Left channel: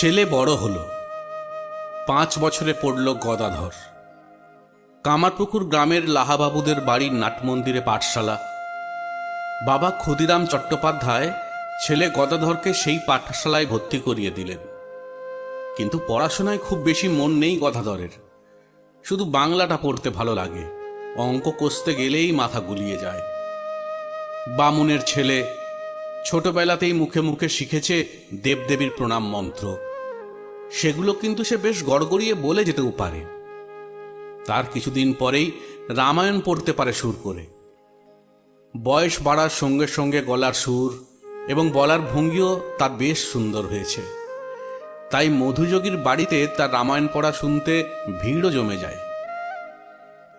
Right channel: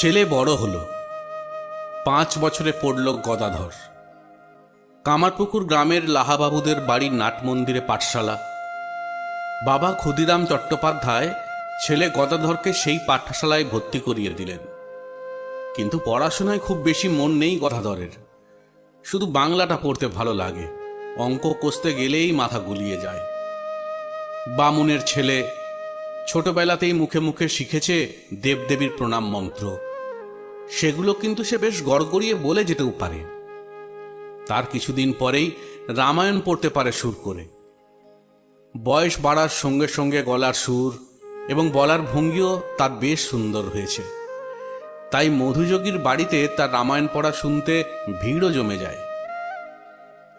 ছেলে বড় হলো। পাঁচ বছরে পড়ল গদাধর। কামারপুকুর গ্রামের লাহাবাবুদের বাড়ির নাট মন্দিরে পাঠশালা। বাবা ক্ষুদিরাম চট্টোপাধ্যায় ছেলে গদাধরকে সেই পাঠশালায় ভর্তি করিয়ে দিলেন। কিন্তু পড়াশোনায় খুব বেশি মন নেই গদাধরের। শুধু বাংলাটা পড়তে ভালো লাগে। অঙ্ক কষতে গেলেই মাথা গুলিয়ে যায়। বামুনের ছেলে ছোটবেলাতেই মুখে মুখে শিখেছে দেবদেবীর প্রণাম মন্ত্র। সেগুলো কিন্তু সে বেশ গড়গড়িয়ে বলে যেতেও পারে। তার কিছুদিন পরেই রামায়ণ পড়তে পারে সুর করে। বয়স বাড়ার সঙ্গে সঙ্গে গলার সুর এবং বলার ভঙ্গিও তার বেশ সুন্দর হয়েছে। তাই মধুযোগীর বাড়িতে তার রামায়ণ পড়া শুনতে ভিড়ও জমে যায়।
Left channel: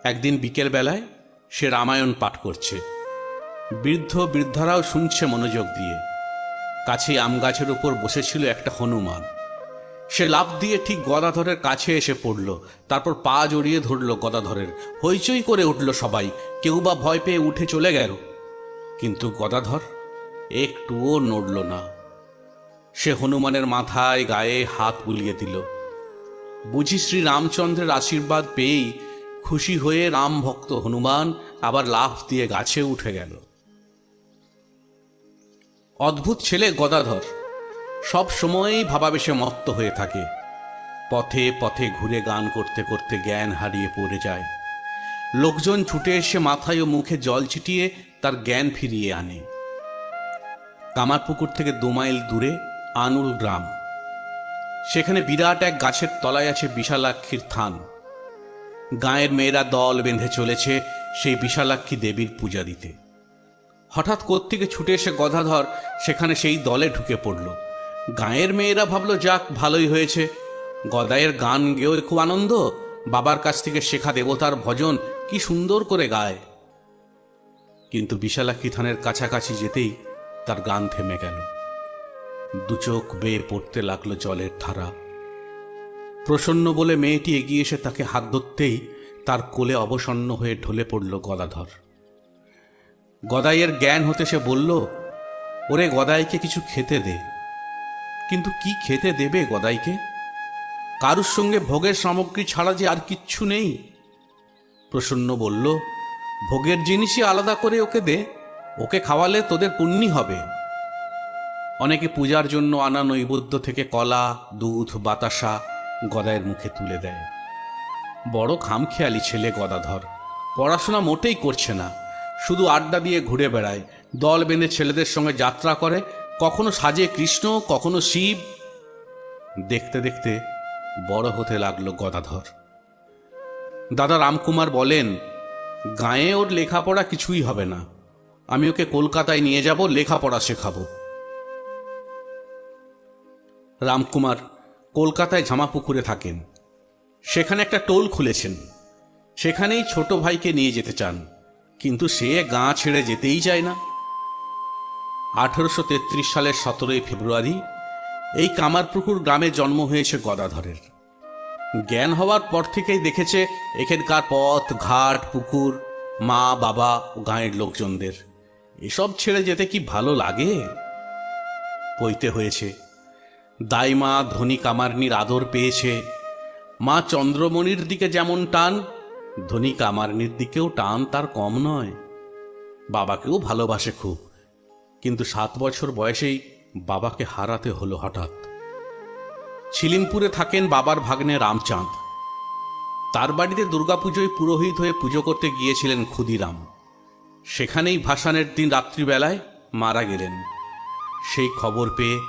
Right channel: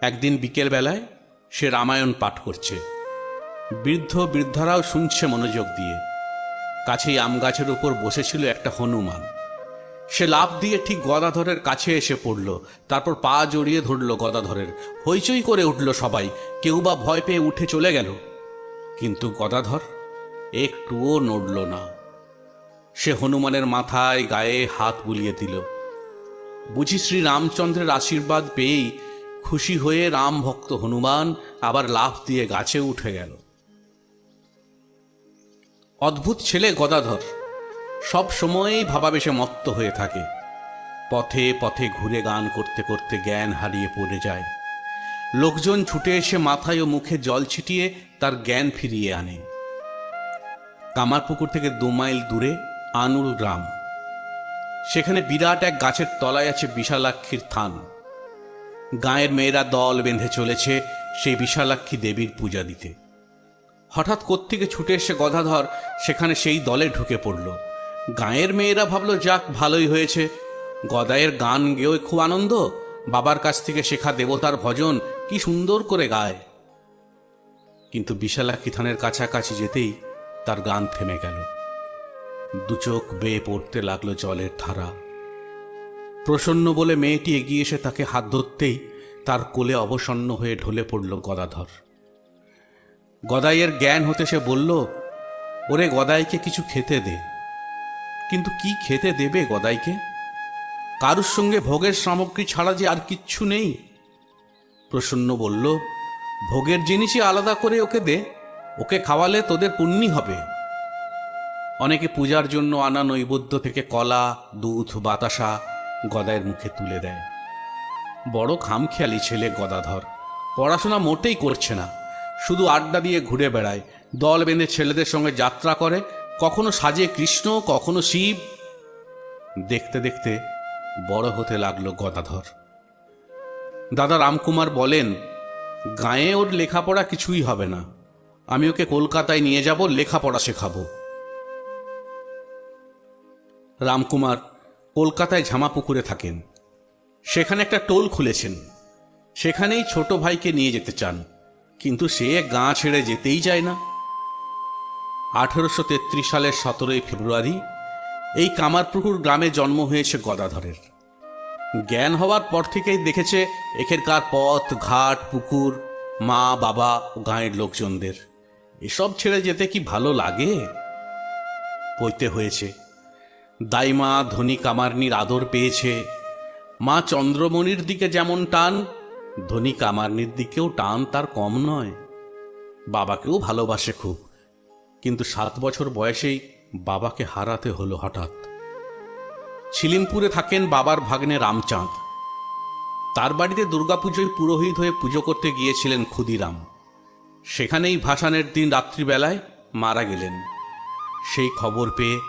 একদিন বিকেল বেলায় সে রামায়ণ পাঠ করছে। বৃদ্ধ বৃদ্ধারাও শুনছে মনোযোগ দিয়ে। কাছেই আম গাছের উপর বসেছিল একটা হনুমান। সে লাভ দিয়ে ঠিক গদাধরের কাছে এসে পড়ল। তারপর পা জড়িয়ে ধরল গদাধরের। হইচই করে উঠল সবাই। কেউ বা ভয় পেয়ে উঠে চলে গেল। কিন্তু গদাধর একটুও নড়ল না। সে হনুমানের মাথায় গায়ে হাত বুলিয়ে দিল। বুঝি শ্রী রামচন্দ্রের আশীর্বাদ পেয়েই খুশি হয়ে রাম ভক্ত হনুমান আবার লাফ দিয়ে গাছে উঠে গেল। অদ্ভুত ছেলে গদাধর। সব সময়ই ভাবাবেশে মত্ত হয়ে থাকে। পথে পথে ঘুরে গান করতে করতে জ্ঞান হারিয়ে পড়ে যায়। লোকজন ছুটে এসে মাথায় ও মুখে জল ছিটিয়ে তার জ্ঞান ফিরিয়ে আনে। কামারপুকুর থেকে দু মাইল দূরে আনুর গ্রাম। সেখানে বিরাট এক গাছের তলায় আছে বিশালাক্ষীর থান। গায়ের মেয়েরা দল বেঁধে চলেছে সেই বিশালাক্ষী দেবীর পূজা দিতে। হঠাৎ কোত্থেকে ছুটে এসে গদাধর সেখানে সেই দলে ঢুকে পড়ল। গায়ের মেয়েরা ভাবলো, যাক, ভালোই হয়েছে। গদায়ের গান গেয়েও খুব আনন্দ। বাবার কাছ থেকে শেখা দেবতার ভজন কি সুন্দর করে গায়। কিন্তু বিশালাক্ষী থানের কাছাকাছি যেতেই তার গান থেমে গেল। দু চোখ বেয়ে পড়তে লাগল জলের ধারা। প্রসন্ন বলে মেয়েটি এগিয়ে এসে তাকে হাত ধরতেই তার কোলে অবসন্ন হয়ে ঢলে পড়ল গদাধর। গদাইয়ের জ্ঞান হতে সে বলল, ওরে গদাইকে কিছু খেতে দে। কিন্তু কি খেতে দেবে গদাইকে? কারুর সঙ্গে ভোগের সামগ্রী ছাড়া যে আর কিচ্ছু নেই? প্রসন্ন বলল, ভোগের জিনিসই আলাদা করে ওকে দে। ওকে খাওয়ালে তোদের পুণ্যি হবে। অনেকে পূজার জন্য আনা নৈবেদ্য থেকে কলা, দুধ, বাতাসা গদায়ের মুখে তুলে দেয়। বড় খামখেয়ালি ছেলে গদাধর। পড়াশোনা মোটেই করছে না। শুধু আড্ডা দিয়ে ঘুরে বেড়ায়। দল বেঁধে ছেলেদের সঙ্গে যাত্রা করে। কখনো সাজে কৃষ্ণ, কখনো শিব। দেখতে দেখতে বড় হতে লাগল গদাধর। দাদা রামকুমার বলেন, গায়ে ওর লেখাপড়া কিছুই হবে না। আমি ওকে কলকাতায় নিয়ে যাব, লেখাপড়া শেখাবো। রামকুমার কলকাতায় ঝামাপুকুরে থাকেন। সেখানে একটা টোল খুলেছেন। সেখানেই ছোট ভাইকে নিয়ে যেতে চান। কিন্তু সে গা ছেড়ে যেতেই চায় না। আঠারোশো তেত্রিশ সালের সতেরোই ফেব্রুয়ারি এই কামারপুকুর গ্রামে জন্ম হয়েছে গদাধরের। জ্ঞান হওয়ার পর থেকেই দেখেছে এখানকার পথ, ঘাট, পুকুর, মা, বাবা ও গাঁয়ের লোকজনদের। এসব ছেড়ে যেতে কি ভালো লাগে? বইতে হয়েছে দাইমা ধনী কামারনির আদর পেয়েছে। মা চন্দ্রমণির দিকে যেমন টান, ধনী কামারনির দিকেও টান তার কম নয়। বাবাকেও ভালোবাসে খুব। কিন্তু সাত বছর বয়সেই বাবাকে হারাতে হলো হঠাৎ। ছিলিমপুরে থাকেন বাবার ভাগ্নে রামচাঁদ। তার বাড়িতে দুর্গাপুজোয় পুরোহিত হয়ে পুজো করতে গিয়েছিলেন ক্ষুদিরাম। সেখানেই ভাসানের দিন রাত্রিবেলায় মারা গেলেন। সেই খবর পেয়ে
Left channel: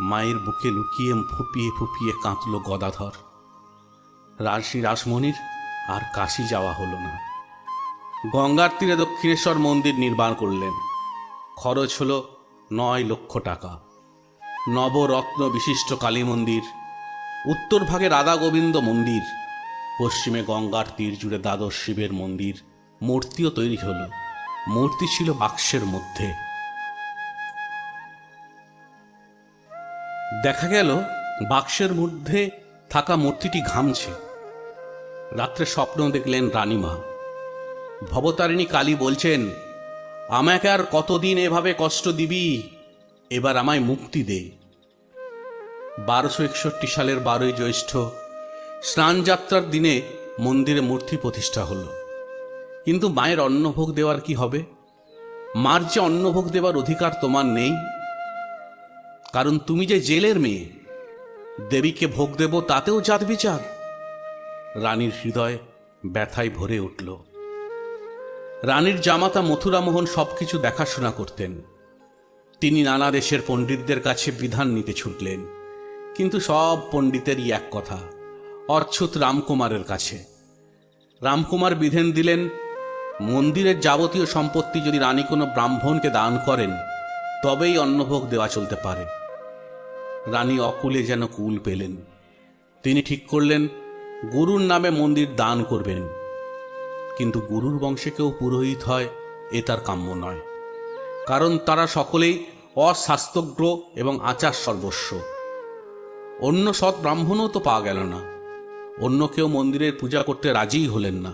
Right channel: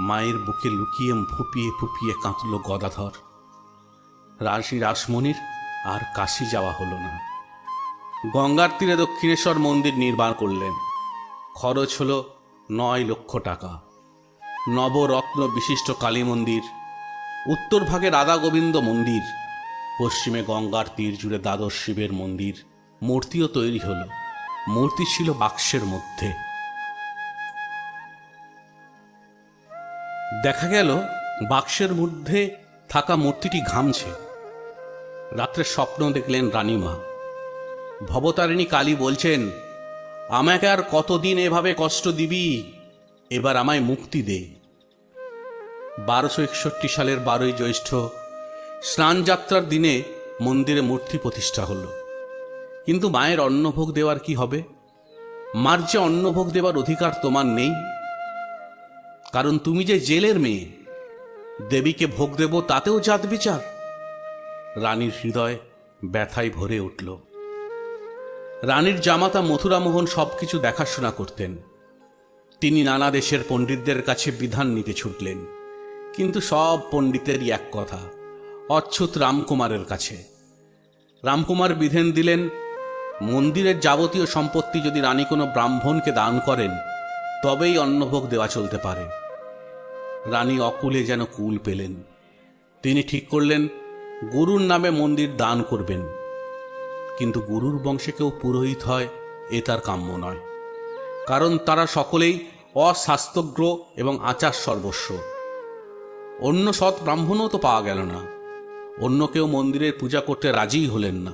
মায়ের বুকে লুকিয়ে ফুপিয়ে ফুপিয়ে কাঁদল গদাধর। রাশি রাসমণির আর কাশি যাওয়া হলো না। গঙ্গার তীরে দক্ষিণেশ্বর মন্দির নির্মাণ করলেন। খরচ হল নয় লক্ষ টাকা। নবরত্ন বিশিষ্ট কালী মন্দির, উত্তর ভাগে রাধা গোবিন্দ মন্দির, পশ্চিমে গঙ্গার তীর জুড়ে দ্বাদশ শিবের মন্দির, মূর্তিও তৈরি হলো। মূর্তি ছিল বাক্সের মধ্যে। দেখা গেল, বাক্সের মধ্যে থাকা মূর্তিটি ঘামছে। রাত্রে স্বপ্ন দেখলেন রানীমা। ভবতারিণী কালী বলছেন আমাকে আর কতদিন এভাবে কষ্ট দিবি? এবার আমায় মুক্তি দে। বারোশো একষট্টি সালের বারোই জ্যৈষ্ঠ স্নানযাত্রার দিনে মন্দিরে মূর্তি প্রতিষ্ঠা হলো। কিন্তু মায়ের অন্নভোগ দেওয়ার কি হবে? মার যে অন্নভোগ দেওয়ার অধিকার তোমার নেই। কারণ তুমি যে জেলের মেয়ে, দেবীকে ভোগ দেব তাতেও জাত বিচার। রানীর হৃদয় ব্যথায় ভরে উঠল। রানীর জামাতা মথুরামোহন সবকিছু দেখাশোনা করতেন। তিনি নানা দেশের পণ্ডিতদের কাছে বিধান নিতে ছুটলেন, কিন্তু সব পণ্ডিতেরই এক কথা, অচ্যুত রামকুমারের কাছে। রামকুমার বিধান দিলেন, মন্দিরের যাবতীয় সম্পত্তি যদি রানী কোনো ব্রাহ্মণকে দান করেন, তবেই অন্নভোগ দেওয়া চলতে পারে। রানী অকুলে যেন কুল পেলেন। তিনি ঠিক করলেন, গুরুর নামে মন্দির দান করবেন। কিন্তু গুরুর বংশে কেউ পুরোহিত হয়, এ তার কাম্য নয়। কারণ তারা সকলেই অস্বাস্থ্যগ্র এবং আচার সর্বস্ব। অন্য সৎ ব্রাহ্মণও তো পাওয়া গেল না। অন্য কেউ মন্দিরের পূজা করতে রাজিই হলেন না।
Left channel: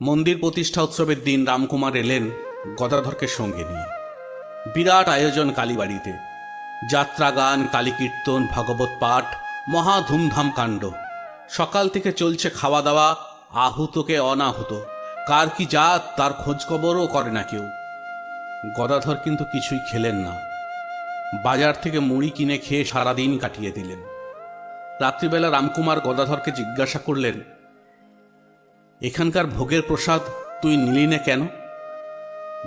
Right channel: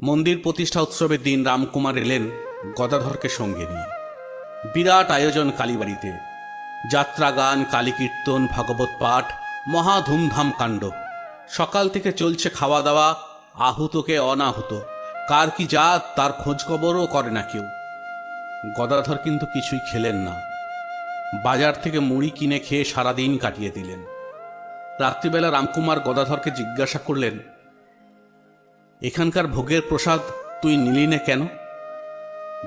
মন্দির প্রতিষ্ঠা উৎসবের দিন রামকুমার এলেন গদাধরকে সঙ্গে নিয়ে। বিরাট আয়োজন কালীবাড়িতে। যাত্রা গান কালী কীর্তন ভাগবত পাঠ, মহা ধুমধাম কাণ্ড। সকাল থেকে চলছে খাওয়া দাওয়া আহুতকে অনাহুত। কার কি জাত, তার খোঁজ খবরও করে না কেউ। গদাধর কিন্তু কিছুই খেলেন না। বাজার থেকে মুড়ি কিনে খেয়ে সারাদিন কাটিয়ে দিলেন। রাত্রিবেলা রামকুমার গদাধরকে জিজ্ঞাসা করলেন, এখানকার ভোগের প্রসাদ তুই নিলি না কেন?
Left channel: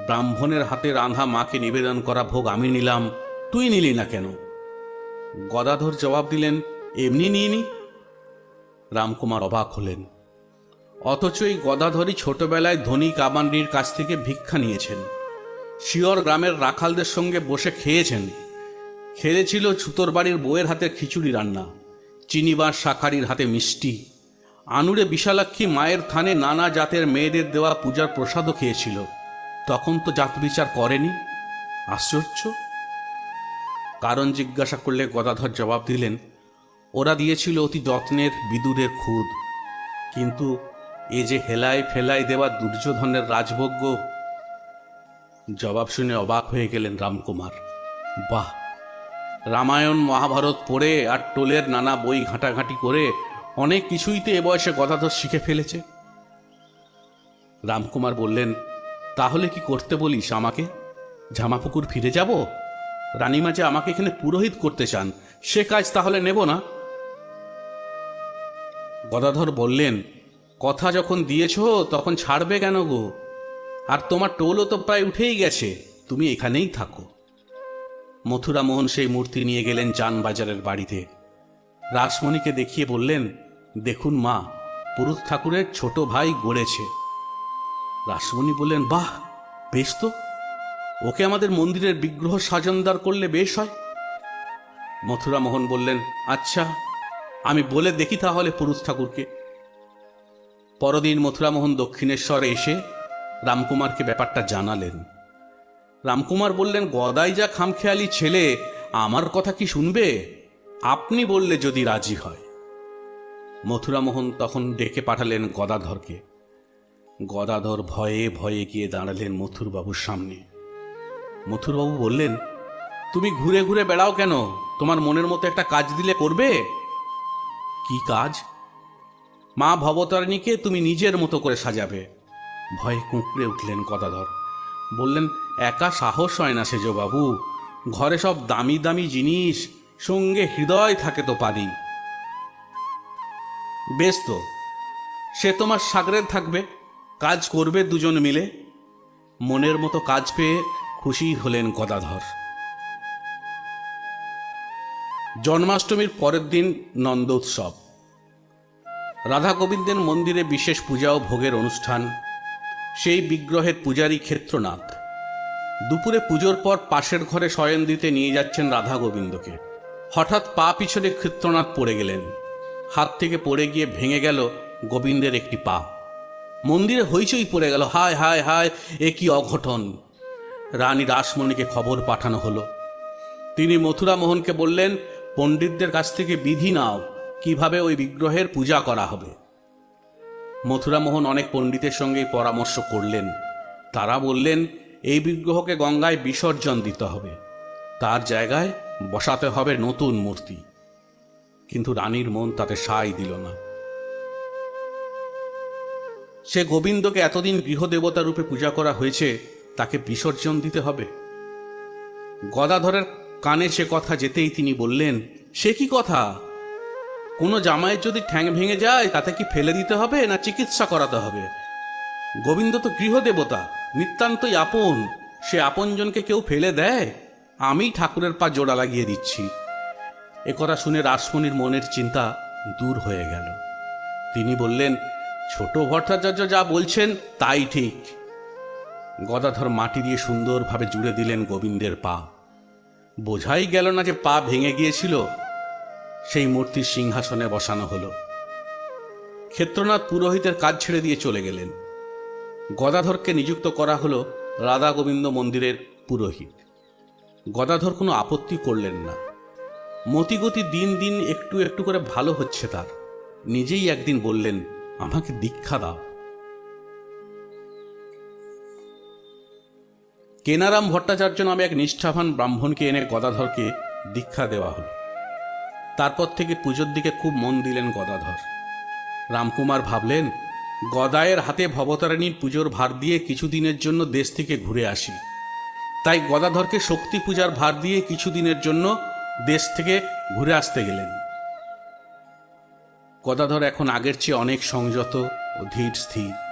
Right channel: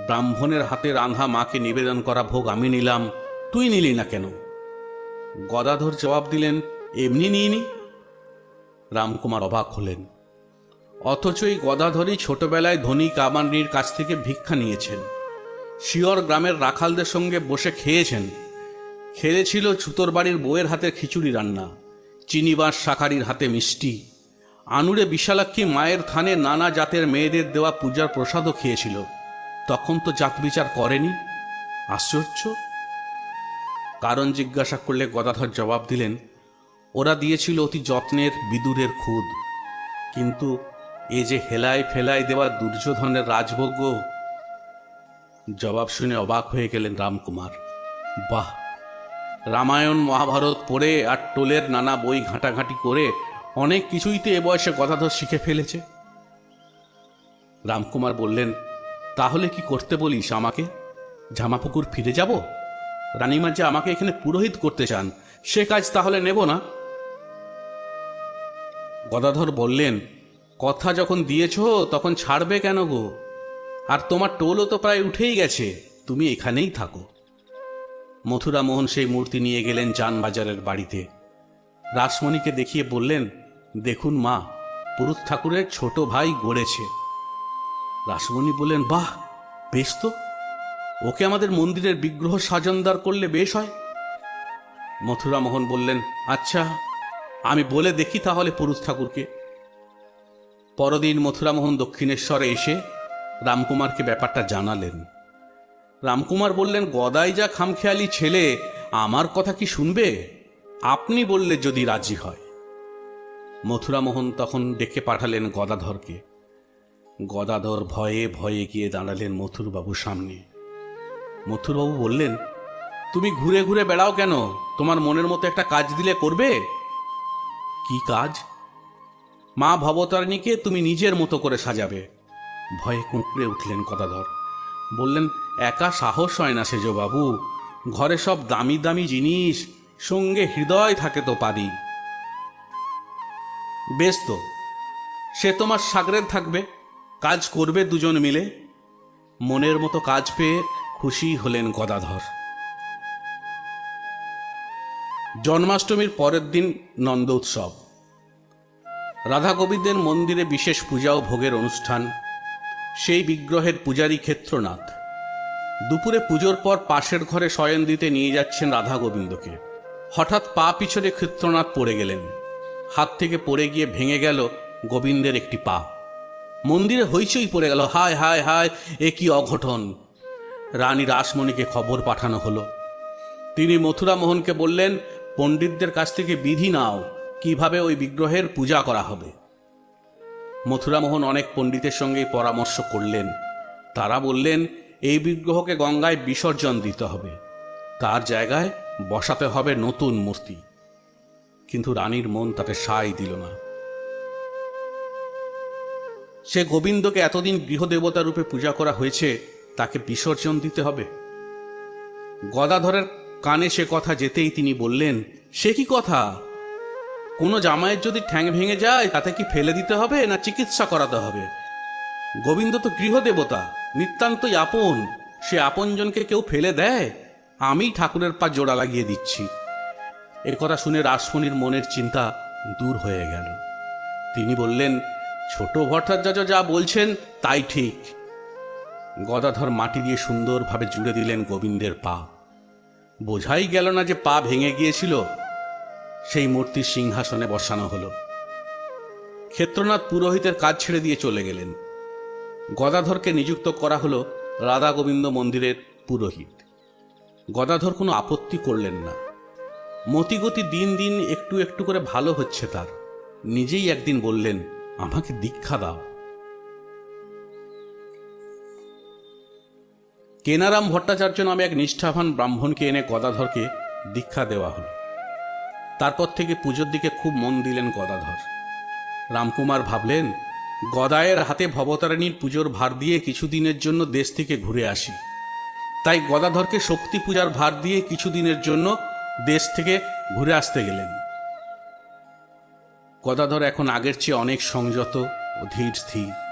ব্রাহ্মণের হাতে রাধা মাকে নিবেদন করা ভোগ আমি নিলাম, তুই নিলি না কেন? গদাধর জবাব দিলেন, এমনি নিইনি। রামকুমার অবাক হলেন। অথচ এই গদাধরই ছোটবেলায় ধনী কামান্ডির কাছ থেকে ভিক্ষা নিয়েছেন। শিয়র গ্রামের রাখালদের সঙ্গে বসে খেয়েছেন। খেয়েছিল ছুতর বাড়ির বউয়ের হাতে খিচুড়ি রান্না চিনিবার শাখারির হাতে মিষ্টি। আনুরে বিশালাক্ষী মায়ের থানে নানা জাতের মেয়েদের দেওয়া পূজার প্রসাদও খেয়েছিল। তখন তো জাত বিচার করেনি। আশ্চর্য। কারণ জিজ্ঞাসা করলে গদাধর জবাব দিলেন ওরা দিয়েছিল অতি যত্নের বিদুরের খুদ। কিন্তু এ যে হেলায় ফেলায় দেওয়া দুর্যোধনের রাজভোগ্য, জবাব শুনে অবাক হয়ে গেলেন রামকুমার। বাহ, রামায়ণ, মহাভারত পড়ে আর টোলের নানা বই ঘাটাঘাটি করে অনেক কিছুই তো এ বয়সে কথা তো শিখে ফেলেছে। রামকুমার বললেন, তাহলে কি করতে বলিস আমাকে? জামাপুকুর ফিরে যাব? রানীমা যে আমাকে এখানে পুরোহিত করতে চান, সে কাজ তাহলে নেব না? গদাধর বললেন, কথা যখন দিয়েছ, তখন ছাড়বে কেন গো? আর তোমার টোলও তো প্রায় উঠেই গেছে, তুমি এখানেই থাকো। মথুরা মোহন সেই মূর্তি নিয়ে গেলেন চানবাজারের বাড়িতে। রাসমণিকে দেখিয়ে বললেন, দেখুন মা, পুরুষ ঠাকুরের ছোট ভাই গড়েছে। রাসমণি বললেন, বাহ, বেশ তো। ওকে আমাদের মন্দিরের বিগ্রহ সাজনদার করলে বেশ হয়। মথুরা মোহন বললেন আচ্ছা আমি বলে দেখি তাহলে পুরুষ ঠাকুরকে। পরদিন মথুরামোহন দক্ষিণেশ্বরে এসে রামকুমারকে ব্যাপারটা জানালেন। রামকুমার বললেন, গদাই যা খামখেয়ালি ছেলে, আমার কথা কি শুনবে? আপনি বললে যদি রাজি হয়। মথুরামোহন তখন ডেকে পাঠালেন গদাধরকে। গদাধর ভয়ে ভয়ে গিয়ে দাঁড়ালেন মথুরবাবুর সামনে। মথুরবাবু বললেন, তুমি ঘুরে ঘুরে বেড়াও কেন? তোমার মনের মতো একটা কাজ দিলে করবে? কি কাজ? মা ভবতারিণীকে তুমি নিজের মতো করে সাজাবে। ভয়ে কুঁকড়ে উঠলেন গদাধর। বললেন, একা সাহস হয় না সেজ বাবু ঘরে সব দামি দামি জিনিস, সঙ্গে হৃদয় থাকে তো পারি বেশ তো, সে তোমার সাগরে থাকবে। কাজ করবে দুজন মিলে। মনের মতো কাজ পেয়ে খুশি হলেন গদাধর। জন্মাষ্টমীর পরের দিন নন্দ উৎসব। রাধা গোবিন্দের মন্দিরে বিশেষ পূজা ও ভোগের অনুষ্ঠান, সেই বিগ্রহের পূজারী ক্ষেত্রনাথ। দুপুরে পুজোর পর পাশের ঘরে শয়ন দিতে নিয়ে যাচ্ছেন রাধা গোবিন্দকে হঠাৎ পা পিছনে ক্ষেত্রনাথ পড়ে গেলেন। হাত থেকে পড়ে গিয়ে ভেঙে গেল গোবিন্দের একটি পা। মন্দিরে হইচই পড়ে গেল, হায় হায় হায়, এ কি অঘটন? রানী রাসমণিকে খবর পাঠানো হলো। তিনি মথুরা মোহনকে বললেন পণ্ডিতদের কাছ থেকে বিধি নাও, কীভাবে ওই বিগ্রহের পূজা করা হবে। মথুরা মোহন অনেক পণ্ডিতের সঙ্গে পরামর্শ করলেন। তারা বললেন, এই বিগ্রহকে গঙ্গায় বিসর্জন দিতে হবে। তার জায়গায় বসাতে হবে নতুন মূর্তি। কিন্তু রানীর মন তাকে সাই দিল না। সে গোবিন্দকে এতদিন গৃহদেবতা রূপে পূজা করা হয়েছে, তাকে বিসর্জন দিতে হবে? গদাধরের কানে সে কথা যেতেই তিনি বললেন, সে কি কথা? কোনো জামাইয়ের যদি ঠ্যাং ভেঙে যায়, তাতে কি ফেলে দিতে হবে না চিকিৎসা করাতে হবে? গোবিন্দ তো গৃহদেবতা, নিতান্তই আপন। সে আপনজনকে কেউ ফেলে দেয়? আমি ঠাকুরের পা জোড়া লাগিয়ে দিচ্ছি। এ কথা শুনে রাসমণির মনের চিন্তা দূর হয়ে গেল। তিনি বললেন, ছোট ভট্টাচার্য যা বলছেন, তাই ঠিক। গদাধর মাটি দিয়ে সুন্দরভাবে জুড়ে দিলেন গোবিন্দের পা। বোঝাই গেল না যে পা ভেঙে গিয়েছিল, সেই মূর্তির সিংহাসনে বসানো হলো। ক্ষেত্রনাথ পুরোহিতের কাজ ছেড়ে দিয়ে চলে গেলেন। গদাধরকে নিযুক্ত করা হলো রাধা গোবিন্দ মন্দিরের পুরোহিত। গদাধর কোনো আপত্তি করলেন না। মতিগতি দিন দিন একটু একটু করে ভালো হচ্ছে তার। নিজেই একদিন বললেন, আমাকে দীক্ষা দাও। কেনারাম ভট্টাচার্য নামে এক নিষ্ঠাবান ব্রাহ্মণকে এনে গদাধরকে দীক্ষা দেওয়া হলো। তারপর থেকে পুজোর দিকে খুব মন দিলেন গদাধর। রামকুমার ভাবলেন, গদায়ের হাতে ভবতারিণীর পুজোর ভার দিয়ে কিছুদিনের জন্য দেশ থেকে ঘুরে আসি। তাই গদাধরকে শক্তি পূজার ভার দিয়ে কিছুদিনের জন্য দেশ থেকে ঘুরে আসতে গেলেন। গদাধর এখন আগের চেয়ে অনেক সংযত ও ধীর স্থির।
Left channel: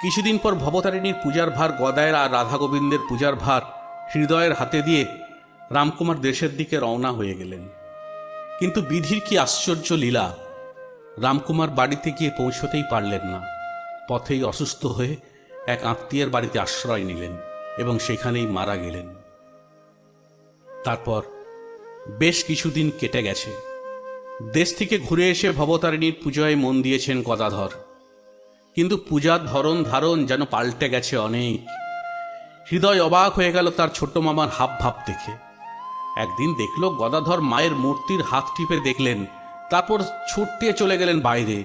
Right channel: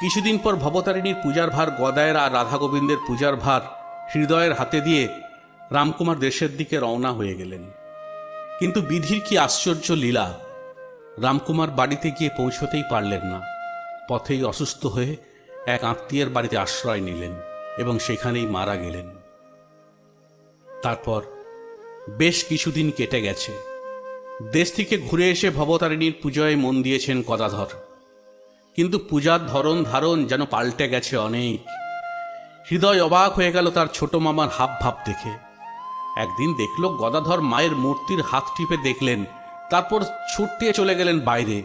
কিছুদিন পর ভবতারিণীর পূজার ভার, গদায়ের আর রাধা গোবিন্দের পূজার ভার হৃদয়ের হাতে দিয়ে রামকুমার দেশের দিকে রওনা হয়ে গেলেন। কিন্তু বিধির কি আশ্চর্য লীলা, রামকুমার বাড়িতে গিয়ে পৌঁছতেই পারলেন না। পথেই অসুস্থ হয়ে এক আত্মীয়ের বাড়িতে আশ্রয় নিলেন এবং সেখানেই মারা গেলেন। তারপর বেশ কিছুদিন কেটে গেছে। দেশ থেকে ঘুরে এসে ভবতারিণীর পুজোয় মন দিয়েছেন গদাধর। কিন্তু পূজার ধরন ধারণ যেন পাল্টে গেছে অনেক। হৃদয় অবাক হয়ে গেল তার ছোট মামার হাব ভাব দেখে। একদিন দেখল গদাধর মায়ের মূর্তির হাত টিপে দেখলেন, তারপর ছুটতে চলে গেলেন বাইরে।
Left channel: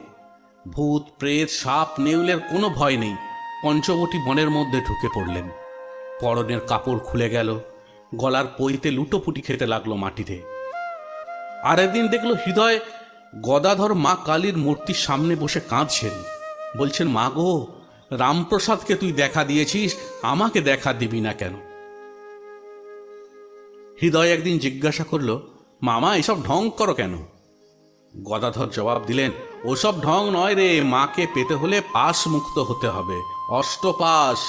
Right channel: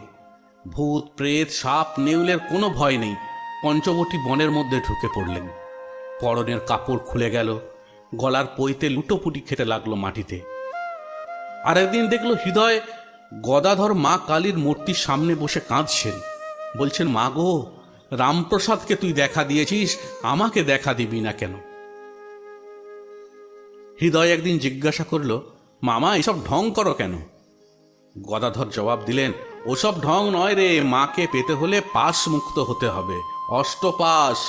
ভূত, প্রেত, সাপ, নেউলের কোনো ভয় নেই। পঞ্চবটি বনের মধ্যে ঢুকে পড়লেন। পরনের কাপড় খুলে গেল। গলার পইতে লুটোপুটি খেতে লাগল মাটিতে। আর একদিন দেখল হৃদয় গদাধর মা কালীর মূর্তির সামনে বসে কাঁদছেন। বলছেন, মা গো, রামপ্রসাদকে তুই দেখা দিয়েছিস, আমাকে দেখা দিবি না কেন? হৃদয় একদিন জিজ্ঞাসা করল, মামা, এসব ঢং করো কেন? গদাধর জবাব দিলেন, ওসব ঢং নয় রে, মাকে পেতে হলে পাশ মুক্ত হতে হবে, অষ্টপাশ,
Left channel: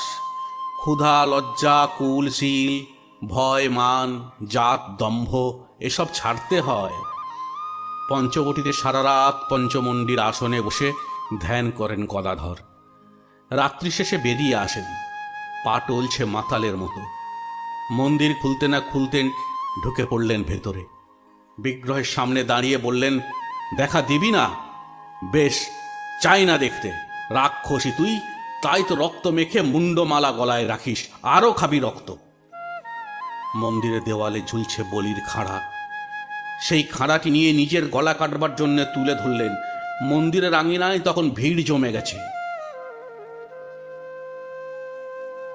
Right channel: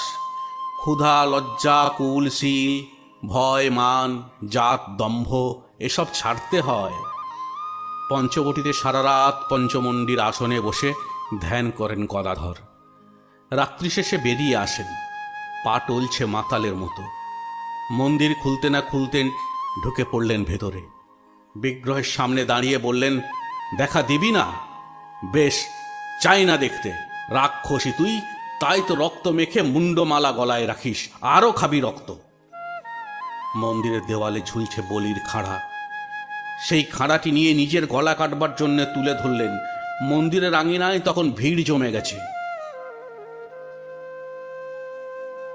ক্ষুধা, লজ্জা কুল কুলশীল, ভয়, মান, জাত, দম্ভ, এসব ছাড়তে হয়। পঞ্চবটিতে সারা রাত পঞ্চমন্ডির আসনে বসে ধ্যান করেন গদাধর। রাত্রি শেষে বেরিয়ে আসেন। পা টলছে মাতালের মতো। মন্দির খুলতে না খুলতে ঢুকে পড়লেন ভেতরে। বিগ্রহের সামনে দাঁড়িয়ে বললেন, দেখা দিবি না? বেশ, চাই না দেখতে। রাক্ষসী তুই, তাই তো রক্ত মেখে মুন্ডমালা গলায় রাখিস, আরও খাবি রক্ত। মন্দিরের দেওয়ালে ঝুলছে বলির খাড়া। সেই খাড়াটি নিয়ে নিজের গলা কাটবার জন্য তুলে ধরলেন মন্দিরের আঙিনায় তখন ভিড় জমে গেছে।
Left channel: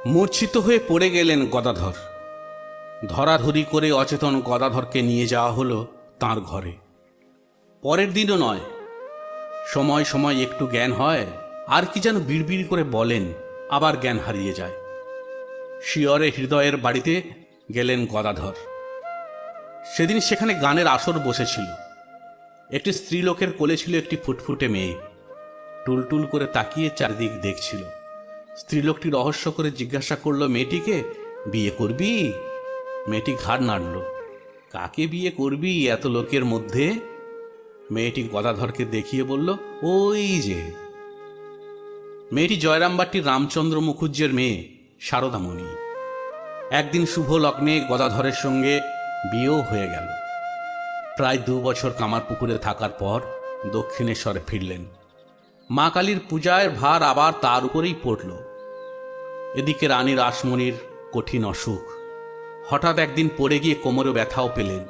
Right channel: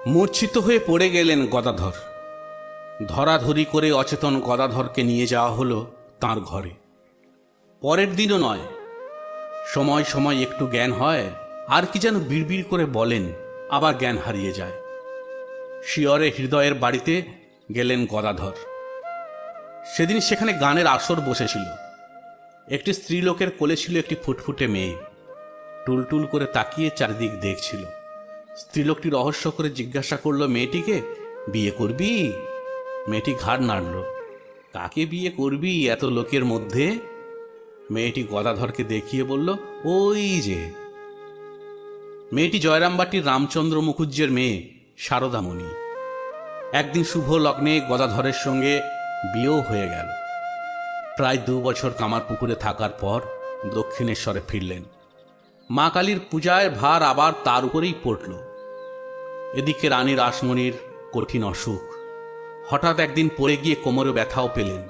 মূর্ছিত হয়ে পড়ে গেলেন গদাধর। ধরাধরি করে অচেতন গদাধরকে নিয়ে যাওয়া হলো তার ঘরে। পরের দিনও নয়। সময় সময় একটু জ্ঞান হয়, আর কি যেন বিড়বিড় করে বলেন, আবার জ্ঞান হারিয়ে যায়। শিয়রে হৃদয়ের বাড়িতে গেলেন গদাধর। সেদিন সেখানে গানের আসর বসেছিল। একটি স্ত্রীলোকের কোলে ছিল একটি ফুটফুটে মেয়ে। টুলটুল করে তাকিয়ে চারিদিক দেখছিল। স্ত্রীলোকটি রহস্য করে জিজ্ঞাসা করল, মেয়েটিকে বিয়ে করবি? মেয়েটি ঘাড় নাড়ল। কাকে বিয়ে করবি এত লোকের মধ্যে? মেয়েটি গদাধরকে দেখিয়ে বলল, ওই যে। মেয়েটি জয়রামবাটির রামচন্দ্র মুখুজ্জের মেয়ে শারদামণি একদিন শুভ লগ্নে গদাধরের সঙ্গে বিয়েও হয়ে গেল। প্রায় দু বছর কামারপুকুরে থাকার পর দক্ষিণেশ্বরে ফিরলেন। মা কালীর পূজায় ভার আবার তার উপরেই পড়ল। এদিকে রানী রাসমণির কঠিন অসুখ। হঠাৎ একদিন পড়ে গিয়ে কোমরে ব্যথাও পেলেন।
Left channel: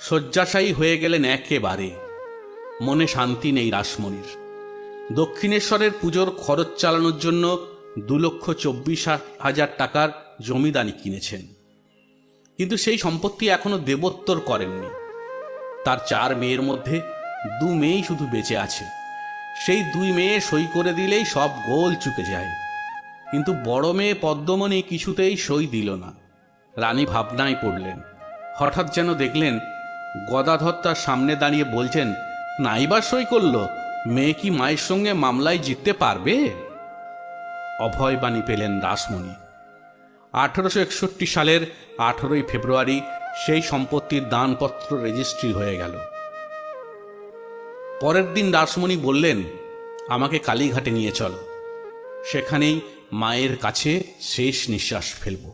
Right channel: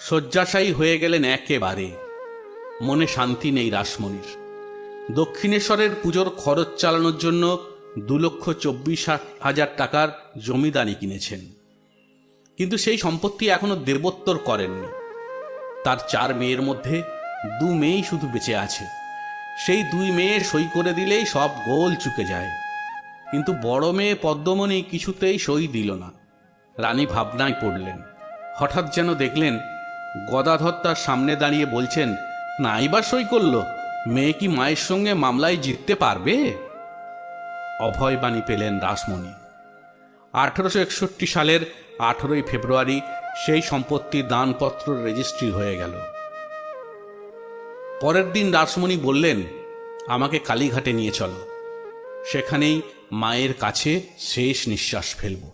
শয্যাশায়ী হয়ে গেলেন একেবারে। মনে শান্তি নেই রাসমণির। দক্ষিণেশ্বরের পুজোর খরচ চালানোর জন্য দু লক্ষ চব্বিশ হাজার টাকার জমিদানি কিনেছেন। কিন্তু সেই সম্পত্তি এখনও দেবোত্তর করেননি। তার চার মেয়ের মধ্যে দু মেয়েই শুধু বেঁচে আছে। সেই দুই মেয়ে সই করে দিলেই সব গোল চুকে যায়। কিন্তু বড় মেয়ে পদ্মমণি কিছুতেই সই দিল না। রানী ভাবনায় পড়লেন। হঠাৎ যেন দেখলেন গদাধর তার সামনে দাঁড়িয়ে বলছেন, নাইবার সই করল? মেয়ে কি মায়ের সঙ্গে মামলায় জিততে পারবে? অভয় বাণী পেলেন রাসমণি আঠারোশো একষট্টি সালের আঠেরোই ফেব্রুয়ারি সেই সম্পত্তির দানপত্র রেজিস্ট্রি হয়ে গেল। পরের দিন রাসমণি বললেন, আমাকে কালীঘাটে নিয়ে চল। সেখানেই মায়ের কাছে শেষ নিঃশ্বাস ফেলব।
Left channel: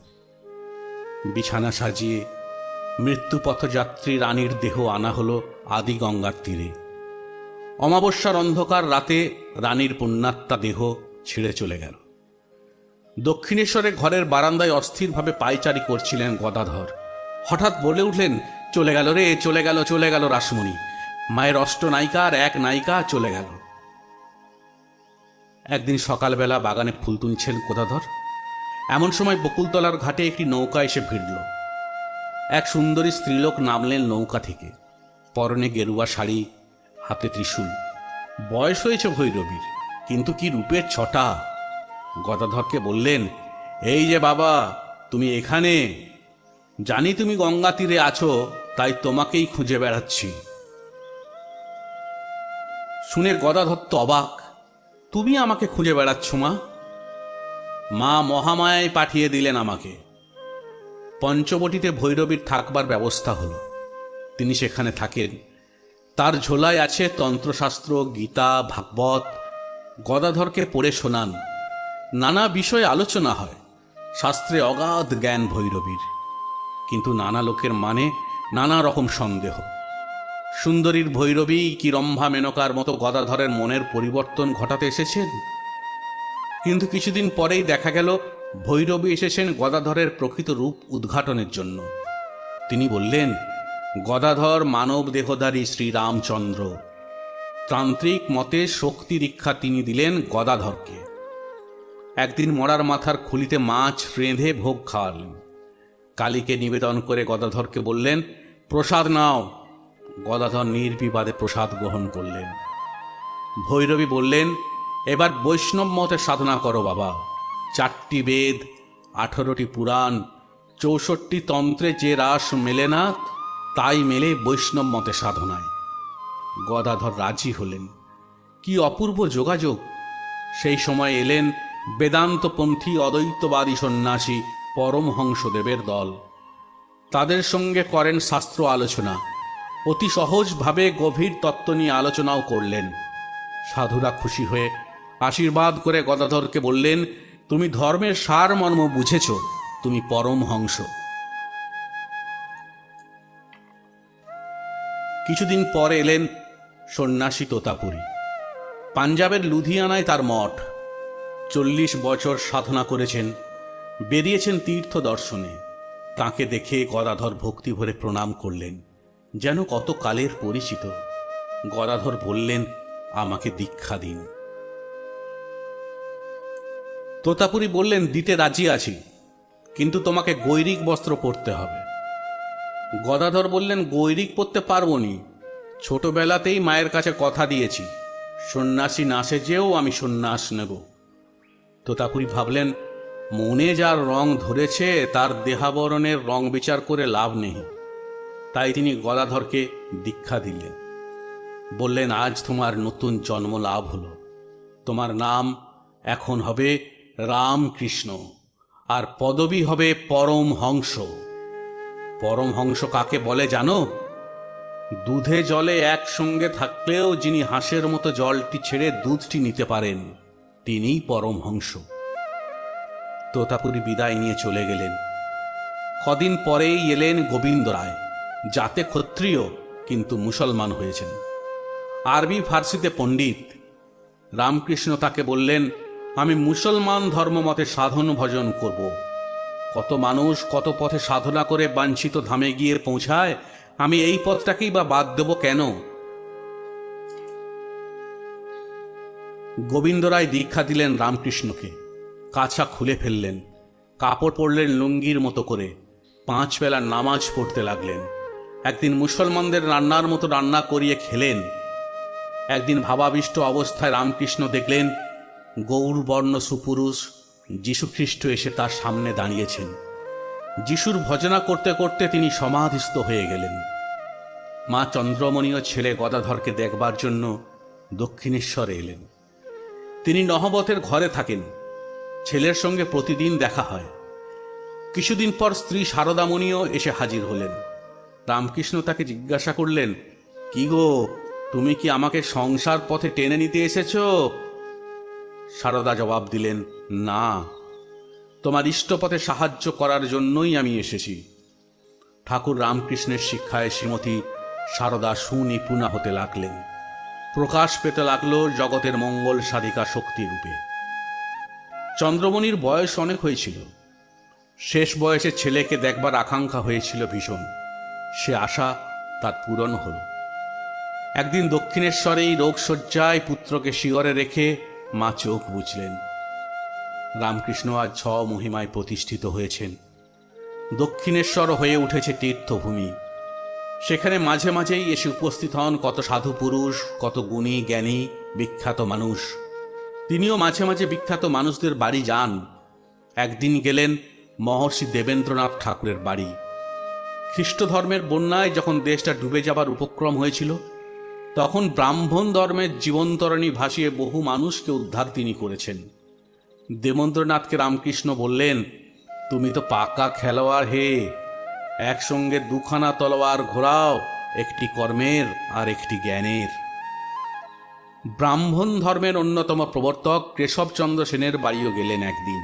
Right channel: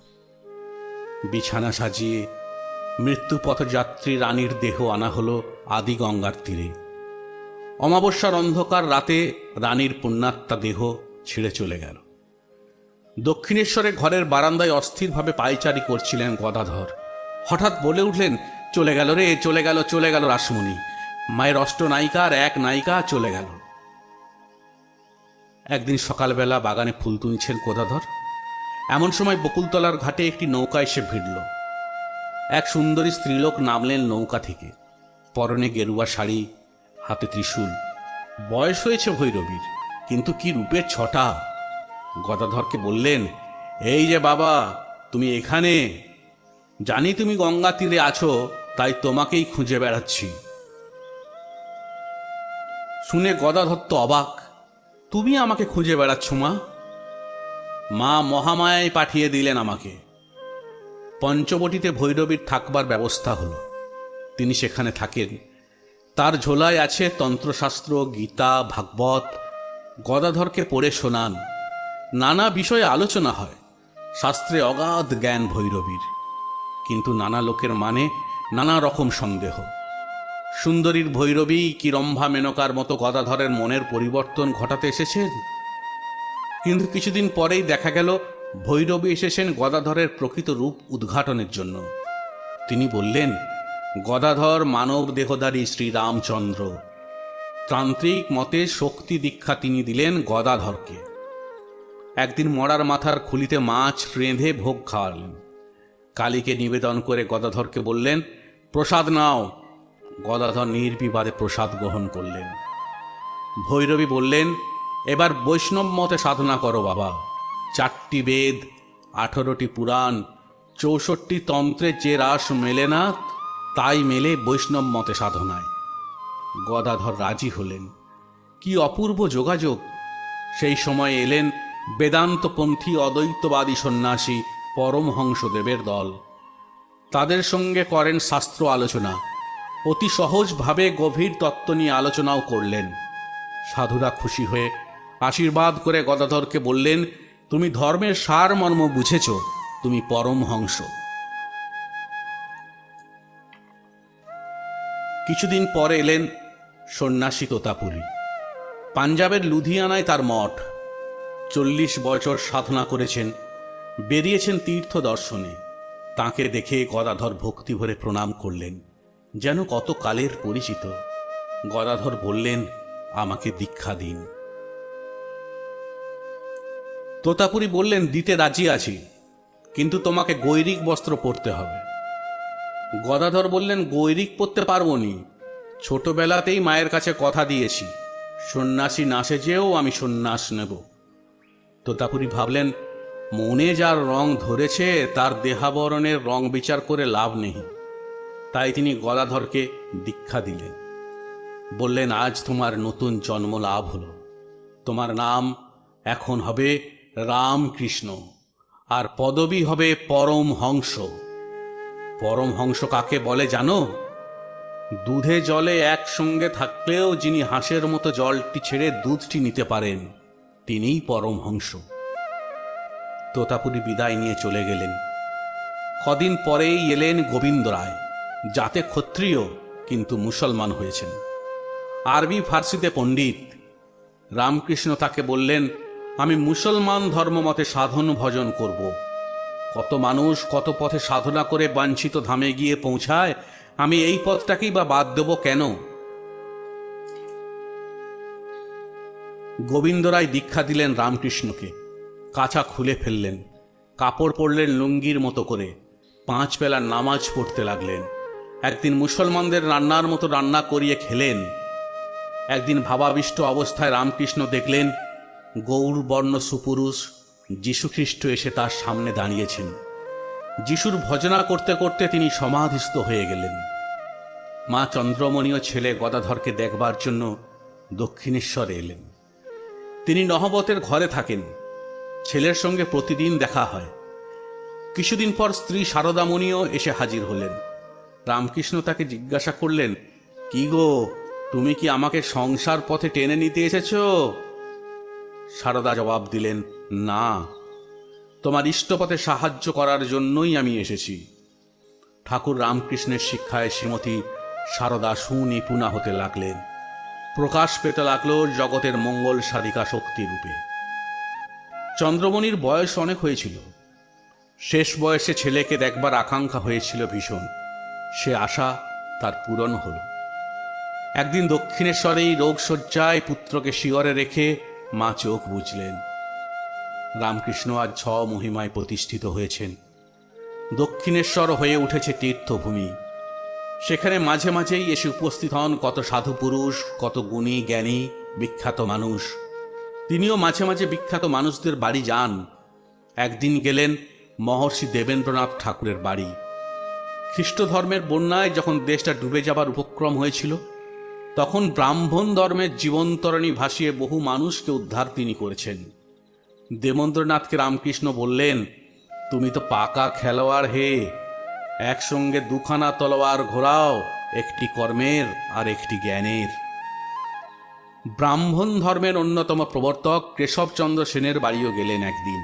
বিছানা সাজিয়ে মৃত্যু পথযাত্রী রানীর দেহ আনা হলো আদি গঙ্গার তীরে। অমাবস্যার অন্ধকার রাতে রানীর পুণ্যাত্মা দেহ ছিঁড়ে চলে গেল। দক্ষিণেশ্বরে ঘরের বারান্দায় অস্থিরভাবে পায়চারি করছিলেন গদাধর। হঠাৎ বলে উঠলেন, চলে গেল রে, চলে গেল চলে গেল রাসমণি। মায়ের অষ্ট নায়িকা আর এক নায়িকা চলে গেল। একদিন সকালবেলা বাগানে ফুল তুলছেন কোদাধর। এমন সময় বকুলতলার ঘাটে একটি নৌকা এসে ভিড়ল। এক সুন্দরী স্ত্রীলোক নামলেন নৌকা থেকে। পরনে গেরুয়া শাড়ি, হাতে ত্রিশূল। বয়স হয়েছে ভৈরবীর, কিন্তু কি রূপের ছটা? গদাধরকে বললেন, এই যে বাবা, তুমি এখানে? জানি তুমি গঙ্গা তীরে আছো, তাই তোমাকেই খুঁজে বেড়াচ্ছি। শুনে গদাধর তো অবাক, তুমি আমাকে খুঁজে বেড়াচ্ছ মা? মা মহামায়ায় পাঠিয়ে দিলেন আমাকে। পঞ্চবটিতে ভৈরবের থাকবার ব্যবস্থা হলো। তিনি সেখানে থাকেন। তার ঝোলায় আছে তন্ত্রশাস্ত্র, গীতা, ভাগবত। গদাধরকে পড়ে শোনান। নানা বিষয়ে আলোচনা হয়। শাস্ত্রে অগাধ জ্ঞান ভৈরবীর। কিন্তু নানা লোকের মানে নানা রকম সন্দেহ। সুন্দরীর ভৈরবী কি রম্ভা মেনকার মতো গদাধরের মনের পরিবর্তন ঘটাতে এসেছেন? কিন্তু কিছুদিন পরেই দেখা গেল, ভৈরবী এসেছেন গদাধরের প্রকৃত রূপ উদ্ঘাটনের জন্য। তিনি বললেন, গদাধর মানব দেহদারী শ্রীরামচন্দ্র। তান্ত্রিক মতে শক্তি দীক্ষা তিনি দিলেন গদাধরকে। একদিন মরার মাথার খুলিতে মাছ রেঁধে ভোগ খাওয়ালেন। কালীকে নিবেদন করে গদাধরকে বললেন, প্রসাদ নাও। গদাধর নির্বিবাদে প্রসাদ গ্রহণ করলেন। ভৈরবী বললেন, এবার বৈষ্ণব মতে সাধনা করো বাবা। চারটি বেদ, আঠারোটি পুরাণ, চৌষট্টি তন্ত্রে যে রাস মেলে না, তাই মেলে বৈষ্ণব মতে সাধনায়। গদাধর রাজি হলেন। কি অপূর্ব যোগাযোগ! সেই সময় এলেন বেদান্তপন্থী অদ্বৈতবাদী সন্ন্যাসী পরমহংসদেবের দল। তাদের সঙ্গে করেন শাস্ত্র আলোচনা। অতি সহজভাবে গভীর তত্ত্ব নিয়ে আলোচনাও করলেন। সাধুরা খুশি হয়ে আশীর্বাদ করে গদাধরকে বললেন, তুমি ধর্মের সার মর্ম বুঝেছ, তুমি পরমহংস কিছুদিন পর এলেন সন্ন্যাসী তোতাপুরী। পাঞ্জাবের লুধিয়ানায় তার মঠ। চল্লিশ বছর সাধনা করেছেন। বেরিয়েছেন তীর্থ দর্শনে। তাকে দেখে গদাধর ভক্তি ভরে প্রণাম করলেন, যেন কত কালের পরিচিত। গদাধর বললেন, আমাকে দীক্ষা দিন। তোতাপুরি বললেন, দিতে রাজি আছি, কিন্তু তোমাকে গৈরিক বস্ত্র পরতে হবে। গদাধর বললেন, গৈরিক পরতে পারব নি। ছোটবেলাতেই মায়ের কাছে কথা দিয়েছি, সন্ন্যাসী না সেজেও আমি সন্ন্যাস নেব। তোতাপুরি ভাবলেন মনে যার রং ধরেছে, তার দেহাবরণের রং বিচার করে লাভ নেই। তাই তিনি গদাধরকে দীক্ষা দিলেন। বললেন, আজ তোমার নতুন জন্ম লাভ হলো। তোমার নাম এখন হবে রামকৃষ্ণ, আর পদবী হবে পরম হংস পরম হংস কাকে বলে জানো? দুধে জলে একসঙ্গে থাকলেও যিনি হাঁসের মতো জলটি ছেড়ে দুধটি নিতে পারেন, তিনিই পরম হংস তোতাপুরি বিদায় নিয়ে চলে গেলেন। কদিন পরেই এলেন গোবিন্দ রায়, যাতে ক্ষত্রিয় কিন্তু মুসলমান হয়েছেন। আরবি ফার্সিতে পণ্ডিত। রামকৃষ্ণ তাকে বললেন, আমি মুসলমান ধর্মমতে সাধন ভজন করব। কত মানুষ কত পথে সাধনা করে বাঞ্ছিত ধামে গিয়ে পৌঁছায়, আমি এই পথটাকেই বা বাদ দেব কেন? গোবিন্দ রায় দীক্ষা দিলেন রামকৃষ্ণকে। কাঁচা খুলে ফেললেন। কাপড় পরলেন লুঙ্গির মতো করে। পাঁচ বেলা নামাজ পড়তে লাগলেন। একদিন মুসলমানদের রান্নার মতো রান্না করিয়ে খেলেন। একদিন ভাবাবিষ্ট অবস্থায় রামকৃষ্ণ দেখলেন গৌরবর্ণ সুপুরুষ যীশুখ্রিস্ট এসে তার সামনে দাঁড়িয়েছেন। যিশুর ভজনা করতে করতে তিনি সমাধিস্থ হয়ে গেলেন। মা চন্দ্রমণীয় ছেলে গদাধরকে দেখবার জন্য দক্ষিণেশ্বরে এলেন। তিনি নহবতের ঘরে থাকেন। ছেলের সঙ্গে প্রতিদিন দেখা হয়। কিছুদিন পর স্ত্রী শারদামণিও এসে হাজির হলেন। রামকৃষ্ণ তাকে জিজ্ঞাসা করলেন, কি গো, তুমি কি আমাকে সংসার পথে টেনে নিতে এসেছ? শারদা জবাব দিলেন, না। তোমার ইষ্টপথে সাহায্য করার জন্যই আমি এসেছি। ঠাকুর রামকৃষ্ণের শিক্ষায় শ্রীমতী শারদা সুনিপুণা হতে লাগলেন। প্রকাশ পেতে লাগল জগতের মঙ্গল সাধিকা শক্তি রূপে। চন্দ্রমণির বয়স অনেক হয়েছিল। শেষ বয়সে ছেলেকে দেখবার আকাঙ্ক্ষা হয়েছিল ভীষণ। সে আশা তার পূরণ হল। একদিন দক্ষিণেশ্বরেই রোগশয্যায় পুত্রকে শিগরে রেখে মা চোখ বুঝলেন রামকৃষ্ণ আজ ছ মহিমায় প্রতিষ্ঠিত হয়েছেন। দক্ষিণেশ্বর হয়ে উঠেছে তীর্থভূমি। সেখানে মাঝে মাঝেই এসে উপস্থিত হন কত সাধু পুরুষ, কত গুণী, জ্ঞানী, বিখ্যাত মানুষ। তিনিও মাঝে মাঝে বিখ্যাত মানুষদের বাড়ি যান। একদিন গেলেন মহর্ষি দেবেন্দ্রনাথ ঠাকুরের বাড়ি। খ্রিস্ট ধর্মের বন্যায় যখন দেশটা ডুবে যাবার উপক্রম হয়েছিল, তখন ব্রাহ্মণ ধর্মের জীবন্তরণী ভাসিয়ে বহু মানুষকে উদ্ধার তিনি করেছেন। দেবেন্দ্রনাথকে রামকৃষ্ণ বললেন, তুমি তো পাকা খেলোয়াড় হে। একসঙ্গে দুখানা তলোয়ার ঘোরাও, একটি কর্মের আর একটি জ্ঞানের। ব্রাহ্মণ ধর্মের অন্যতম প্রবর্তক কেশবচন্দ্র সেনের বাড়িও গেলেন একদিন।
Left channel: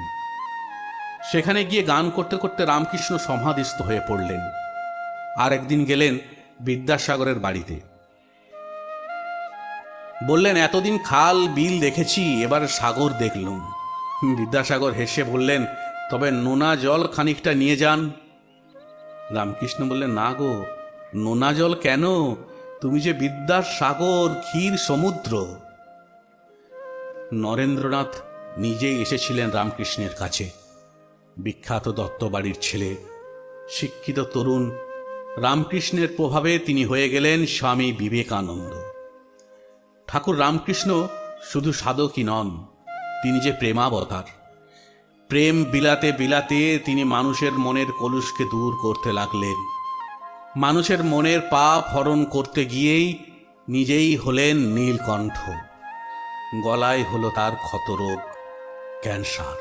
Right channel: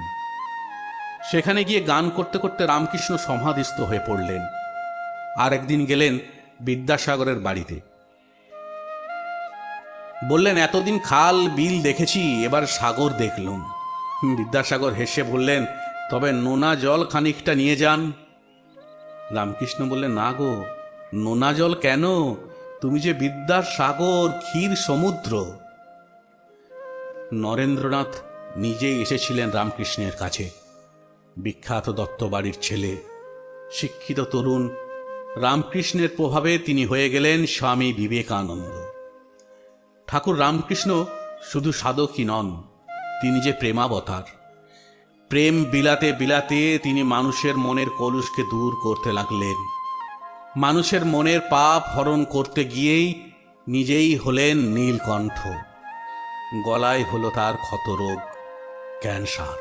সেখানে গিয়ে গান করতে করতে রামকৃষ্ণ সমাধিস্থ হয়ে পড়লেন। আর একদিন গেলেন বিদ্যাসাগরের বাড়িতে। বললেন, এতদিন খাল, বিল দেখেছি, এবার সাগর দেখলুম। বিদ্যাসাগর হেসে বললেন, তবে নোনা জল খানিকটা নিয়ে যান। রামকৃষ্ণ বললেন, না গো, নোনা জল কেন? তুমি যে বিদ্যার সাগর, ক্ষীর, সমুদ্র। নরেন্দ্রনাথ নিজেই এসেছিলেন রামকৃষ্ণের কাছে। বিখ্যাত দত্তবাড়ির ছেলে, শিক্ষিত তরুণ, রামকৃষ্ণের প্রভাবে তিনি হয়ে গেলেন স্বামী বিবেকানন্দ। ঠাকুর রামকৃষ্ণ শুধু সাধকই নন, তিনি যে প্রেমাবতার। প্রেম বিলাতে বিলাতে তিনি মানুষের মনের কলুষকে দূর করতে লাগলেন। মানুষের মনের পাপ হরণ করতে গিয়েই নিজেই হলেন নীলকণ্ঠ। গলায় হলো তার ক্ষতরোগ, ক্যান্সার।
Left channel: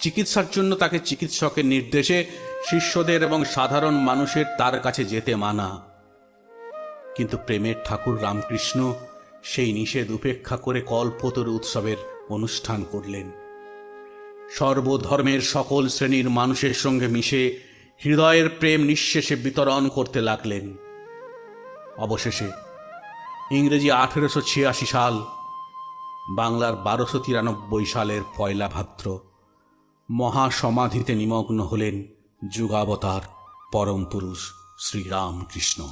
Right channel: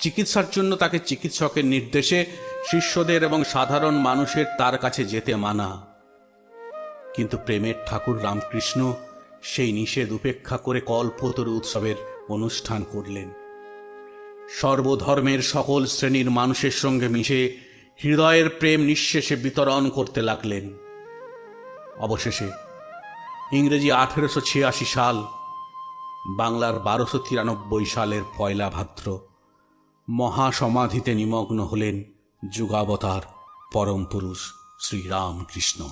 চিকিৎসার জন্য তাকে চিকিৎসকের নির্দেশে শিষ্যদের এবং সাধারণ মানুষের তার কাছে যেতে মানা। কিন্তু প্রেমের ঠাকুর রামকৃষ্ণ সেই নিষেধ উপেক্ষা করে কল্পতরু উৎসবের অনুষ্ঠান করলেন। সর্বধর্মের সকল শ্রেণির মানুষের সঙ্গে মিশে হৃদয়ের প্রেম নিঃশেষে বিতরণ করতে লাগলেন। অবশেষে, ইংরেজি আঠেরোশো ছিয়াশি সাল, বাংলার বারোশো তিরানব্বই সালের পয়লা ভাদ্র, মহাসমাধিতে নিমগ্ন হলেন যুগাবতার পরম পুরুষ শ্রীরামকৃষ্ণ।